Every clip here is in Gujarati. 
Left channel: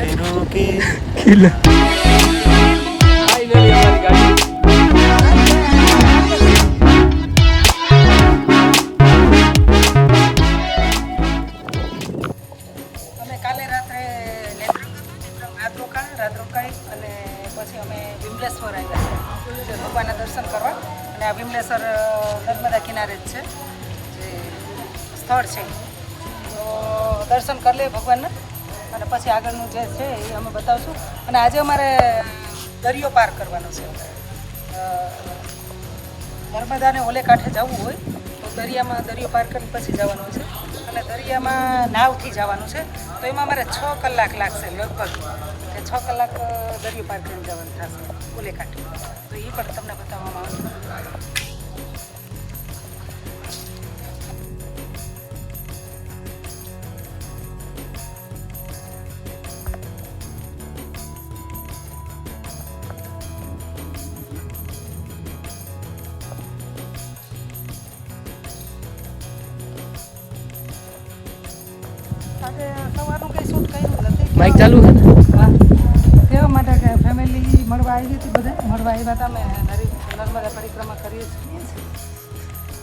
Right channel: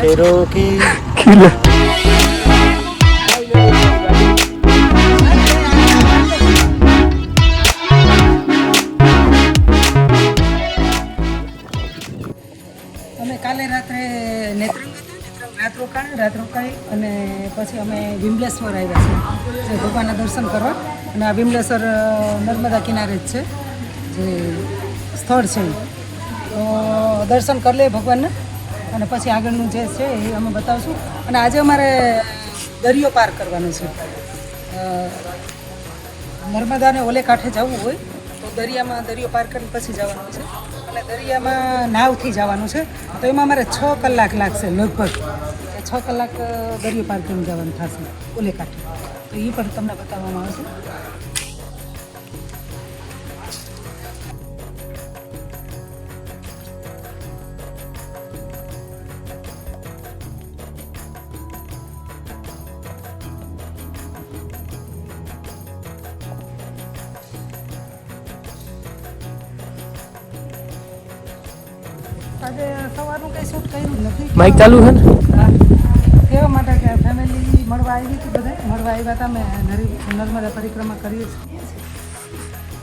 खैरों की અમે કાલે રાત્રે નેત્રંગ રાત રોકાઈ અને પછી અમે વિમલેશ્વર આવ્યા છે જે ભગવાનના દર્શન કરવા. અને આ વિમલેશ્વર નર્મદા કિનારે જ છે જે સ્થળ છે. તો દર્શન કરી લઈએ ભગવાનના અને પછી આગળનું જે છે એ અમે બતાવીશું. અને આજે અમારે દરિયો પાર કરવાનો છે. નર્મદાને ઓલે કાંઠે જવું હોય તો દરિયો પાર કરી પછી જવાનું છે. અને દરિયામાં નાવથી જવાનું છે તો એમાં અમારે 6 કલાક લાગશે લગભગ. એ 6 કલાક દરિયો પાર કરીને જવાનું થશે ઓલે કાંઠે. તો એ પણ તમને બતાવવામાં આવશે. माइक चालू है ना? એવા માટે કે ફેમિલી મળવા આવી હતી, બધા મળવા આવ્યા હતા. અમે નર્મદા પરિક્રમા કરીએ છીએ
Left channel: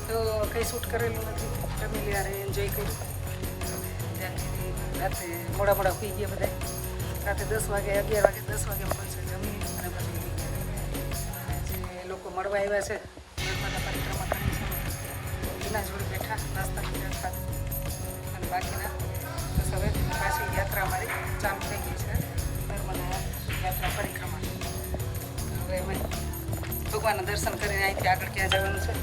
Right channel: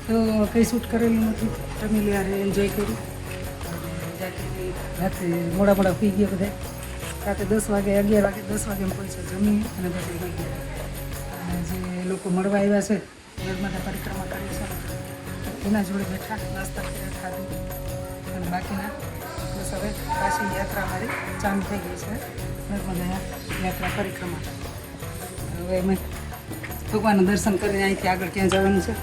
તો કંઈ શૂટ કરેલું નથી. ફેમિલી યારે એન્જોય કર્યું. રાત્રે મોડા પી ગયા બધા. રાતે 10 વાગે 11 વાગે 10 વાગે પહોંચે જમી અને પછી જે લોકો મળવા આવ્યા છે નર્મદા પરિક્રમા કરી છે એના જોડે બેઠા નાસ્તા ખાધું અને બાકીના હવે પાછી યાત્રા અમારી ચાલુ થઈ ગઈ છે. નર્મદા યાત્રા પરિક્રમા. હવે અમે ભગવાનના દર્શન કરીને અહીંથી આગળ ક્યાં જવાનું છે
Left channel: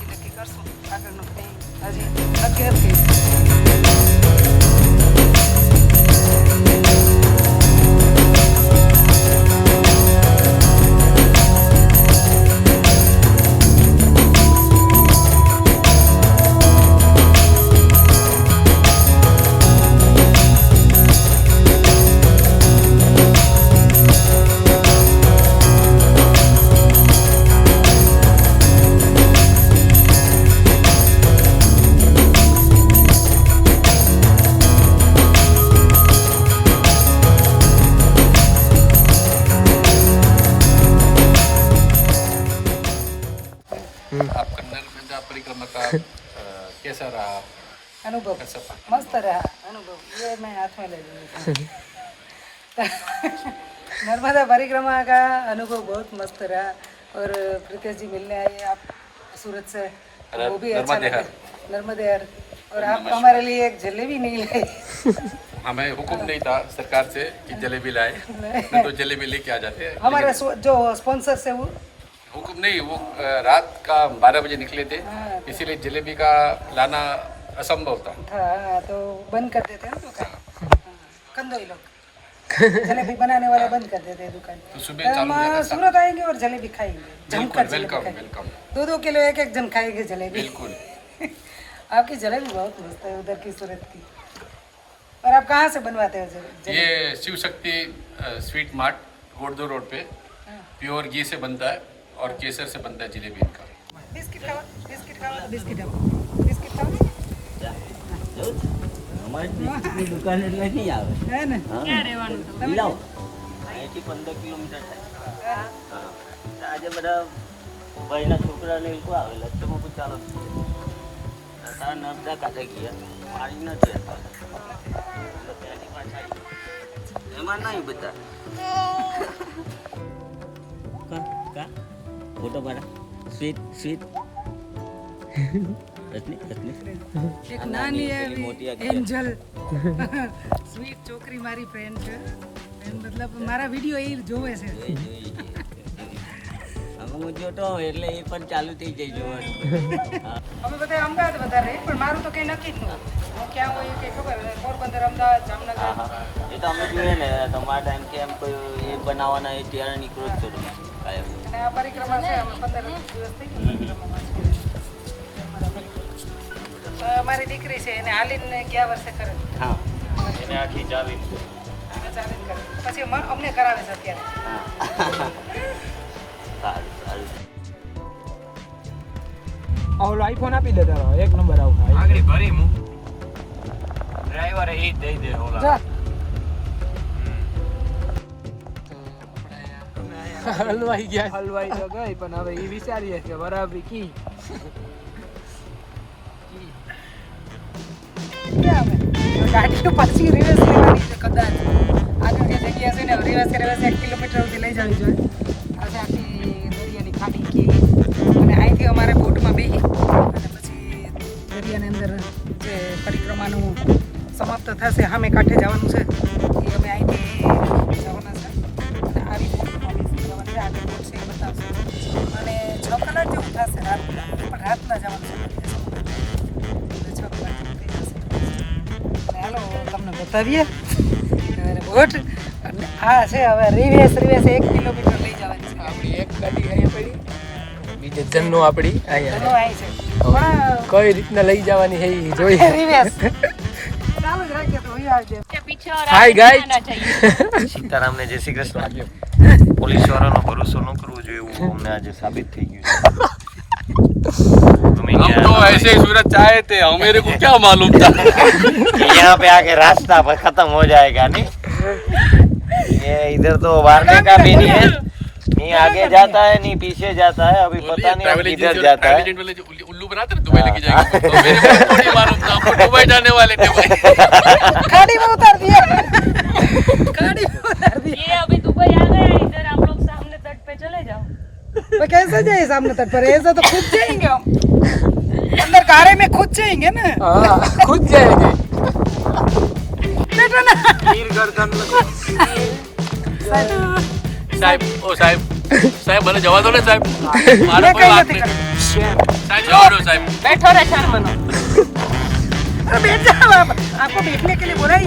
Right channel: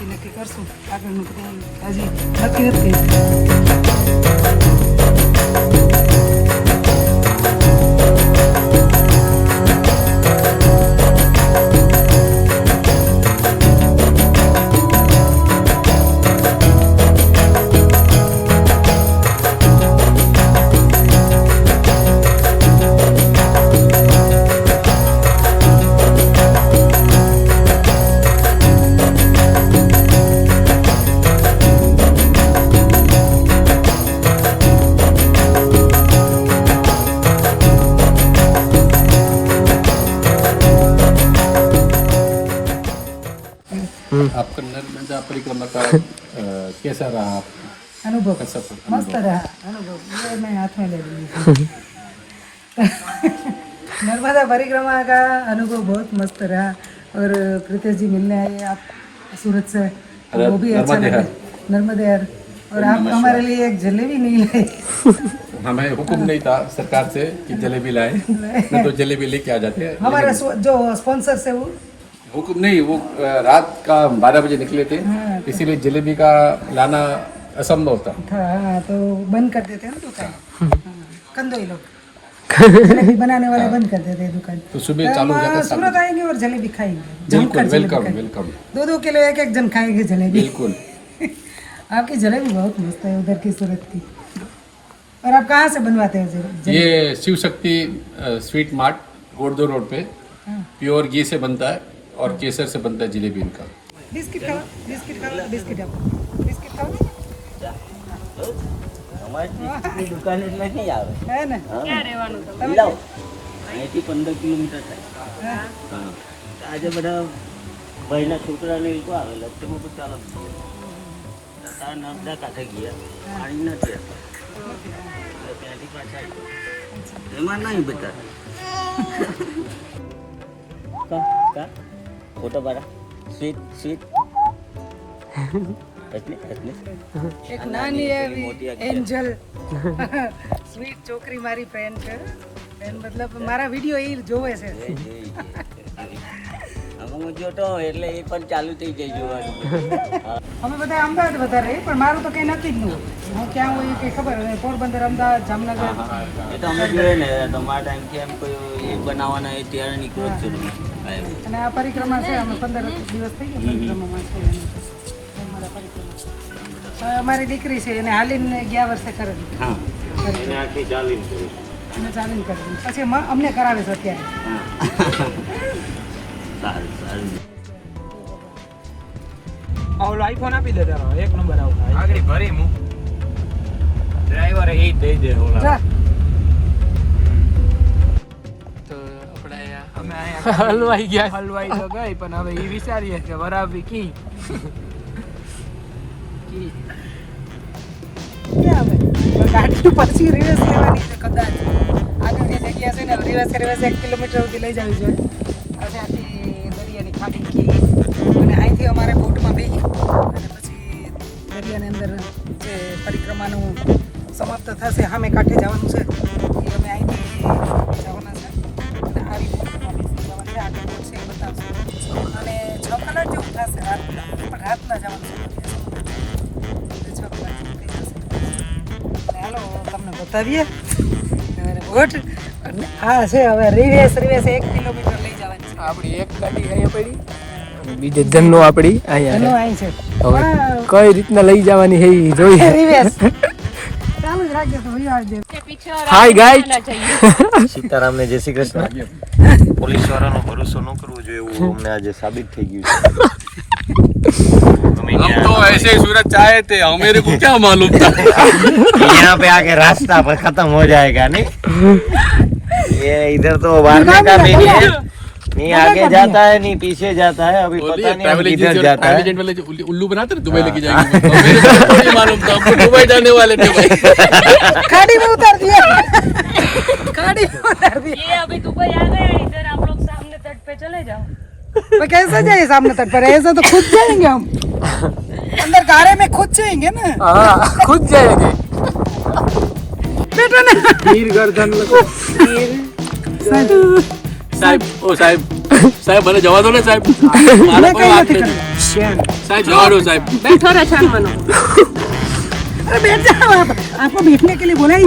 એ નક્કી કરશું. આગળનું કંઈ હજી નક્કી નથી. आपका नर्मदा परिक्रमा का कैसा रहा? अनुभव कैसा मस्त रहा अनुभव. ये मैं हाथ में ले लूँ. नर्मदा परिक्रमा का अनुभव बहुत मस्त रहा. और प्रीतेश जी मिलने आए आप सूरत से तो वो भी अच्छा लगा. नर्मदेहर. और आप हमारे लिए एक जलेबी नहीं लाए. हमें हुक्म नहीं था सरकार से कि जलेबी लाए, नहीं तो जलेबी लेके आ जाते हैं. हमारा जो स्पॉन्सर से वो हुक्म नहीं, वो रात का 12 बजे निकले थे, इसीलिए जलेबी का लाना असंभव था. हाँ तो बंद कर देते हैं ना दुकान. कंदोई लोग जलेबी बनाने वाला बंद कर देते हैं दुकान. तो सुबह चालू हो जाता है. सूरत आएंगे और जलेबी खाएंगे. बिल्कुल वेलकम वेलकम. 2-2 किलो एक जन खाएंगे जलेबी. बिल्कुल. आपकी जलेबी बहुत मस्त है उधर की सूरत की. और आप कहाँ से बनवाते हो जलेबी? ये Shiv Shakti sweet mart गोड़दो road पे प्योर घी से बनता है और केसर से बनता है जलेबी इनका. बिस्किट खाओ बिस्किट खाओ. અમારી દુકાન એટલે નહીં આવે. હે ને ક્યાં રહેવાનું તમે? લાવ અહીંથી 15 કિલોમીટર થાય. હા આજે બધા ભાઈના છોકરાને એ લોકો આવેલા તેમાં તો ચાલો આ નર્મદા કાંઠે ગયા પાણી નથી હતા ત્યાંથી પાછા એમાં નહીં બધા કા કા ફોટો પાડા સ્વીટ એક નાની એવી એન્જલ સ્વીટ છોકરી મારી ફ્રેન્ડ છે. ફ્રેન્ડ મતલબ મારા વિડીયો એ જોવે છે. હું જોતો એટલે એ પણ ચાલુ થઈ જાય જોવાનું. અમે બધા અમદાવાદ વધારે રહીએ પણ મારું તો કંઈ નથી જ નહીં. હું ક્યાં હોય એ કંઈ ખબર હોય. પોરબંદર અમદાવાદ જામનગર એ તો અમે જોઈએ ને તમારા ટાઈમથી એમ કોઈ એ બનાવવાના એ ત્યારે નીકળો જ છું તમે. અને આ પરિક્રમા છે અમે 15 દિવસ થઈ ગયા પરિક્રમામાં. અમારી દીકરી છે એને હાલીને ગયા વર્ષે કરેલી. હા આખી ચાલીને એને ચાલીને કરેલી પછી અમને કરાવે છે અત્યારે. ઓલો આઈફોન આપી દે તારો એક નંબર આવ આગળ ભરી મુ ડ્રાઈવર એ દઈ દે ઓલા. હલવાઈ ગયા હલવાઈ તો ગઈ પણ હવે એ વિચારીએ કે વરાવી કી ગાડી પછી રિવર્સ લેવાની છે કદાચ આગળ જે જગ્યા છે ને રિવર્સ 1 કિલોમીટર સુધી લઈ જવી જોઈએ ત્યાંથી દરિયાની ખાડી કી અને અહીંથી અમારા બોટમાં બેસી અને પછી દરિયાની અંદર જે પરિક્રમાનું સમાપ્ત થશે સામે કાંઠે જવાનું છે એ અમે અહીંથી જવાના છે અને 6 કલાક જેવું થશે રાતના જવાનું છે હાલો તમને બતાવીએ ગુડ હા છે હવે રિવેસ 1 કિલોમીટર લઈ જવાની છે આપણી એક ગાડી અહીંયા પડી બીજે જન્નો આપણી ઘણું અહીંયા અહીં છે હવે કઈ રીતના લઈ જવાની છે એ જોઈએ રિવેસ ચાલુ જ રાખજો તો હોય આવજો હાય ગાઈસ સીતારામને જય શ્રી કૃષ્ણ પોલીસ વાળાનો ભરોસો ન કરવો જોઈએ એવું અમને આજે સાબિત થઈ ગયું છે हम तो ऐसे ही सूरज चाहे थे मेरे को क्या मालूम था यहाँ पे आके रास्ता पर खत्म हो जाएगा नहीं ये इधर तो मारने का भी नहीं है नहीं आगे जाता है नहीं पीछे जाता है अभी पता नहीं हम किधर जाता है एजेंट वाले जो उल्लू बनाते ना दुबई लेके जाएंगे मेरे को नहीं मालूम था हमको दुबई जाने वाले थे भाई गाड़ी में उतार दिया गाड़ी में उतार दिया ये अभी दुबई आ गए इधर हम लोग सामने तट पे चले जाओ तो कैसे जाए सामने तक पर ऐसे तो खुद जाएंगे हम अंदर कारे में खुद जाएंगे ना हाँ खुद जाएंगे बेटा ना साहब ओ साहब साहब भले जवा दो ना साहब मारो कोई बात नहीं साहब जवा दो साहब बैठो रे शर्मन अरे बेटा आपको बैठने के लिए बोला ही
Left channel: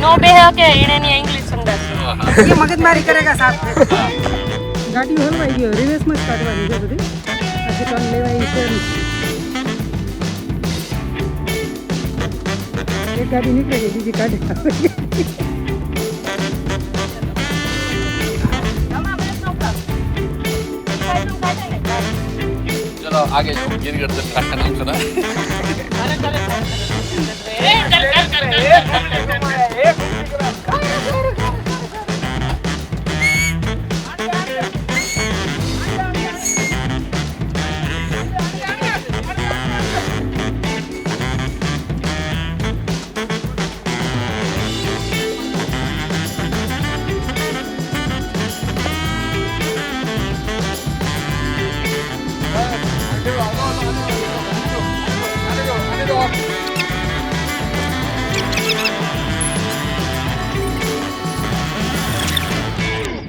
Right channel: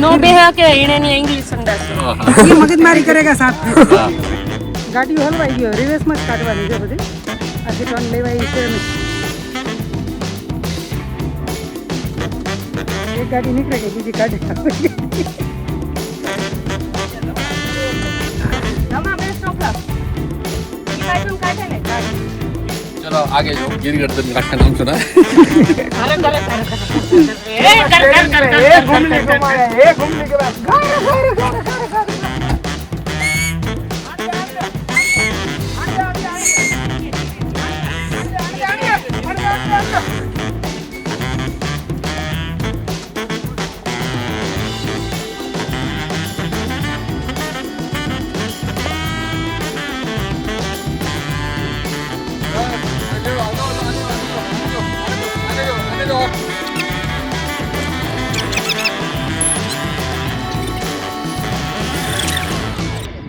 नो बेहा के इने नहीं इंग्लिश समझा ये मगजमारी करेगा साथ में गाड़ी हलवाई गयो रिवर्स मत काटવાની છે બધી આજે ટર્ન લેવાય છે એક ગાડી નીકળી ગઈ બીજી ગાડી चलो आगे गिर कर तुम रखा नहीं सुना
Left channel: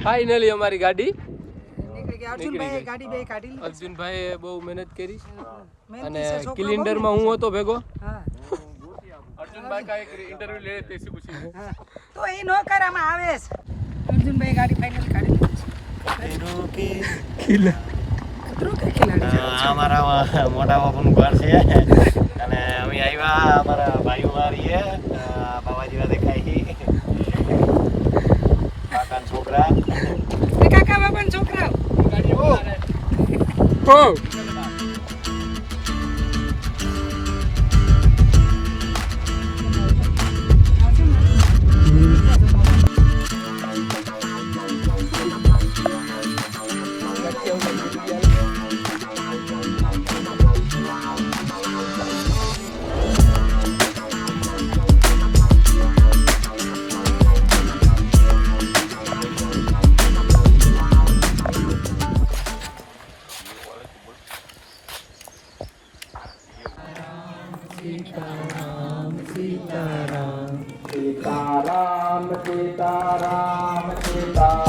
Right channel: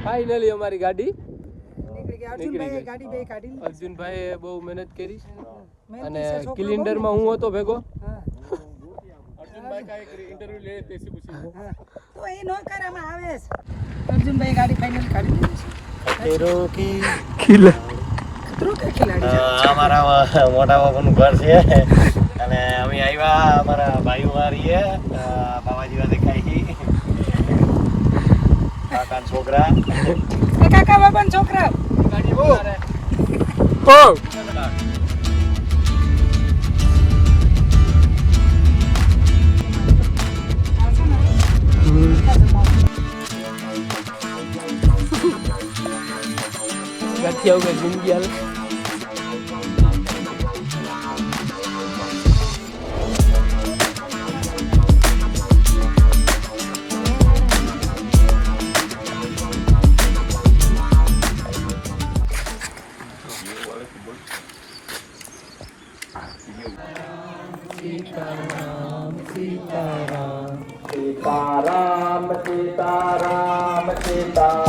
ફાઇનલી અમારી ગાડી નીકળી ગઈ અર્જુનભાઈ ગાડી બે કાઢી લીધી અર્જુનભાઈએ બહુ મહેનત કરી મહેનતી અને છે છોકરો, કિલિન્ડરમાં હું હતો ભેગો હા अर्जुन भाई का एक इंटरव्यू ले लेते इसी कुछ તો એ નો કરવામાં આવે છે અર્જુનભાઈ ગાડી ફાઇનલ કાઢી લીધી तेरो की કતરો કે ખિલાડી છે અમારા મોટા બાપુનું ઘર છે અને અમે આવ્યા અમારા ભાઈઓ મારીએ બાબાજીને દેખાઈ કાકા છોકરા એ કાકા બાબાના છોકરા ઓ सीताराम सीताराम सीताराम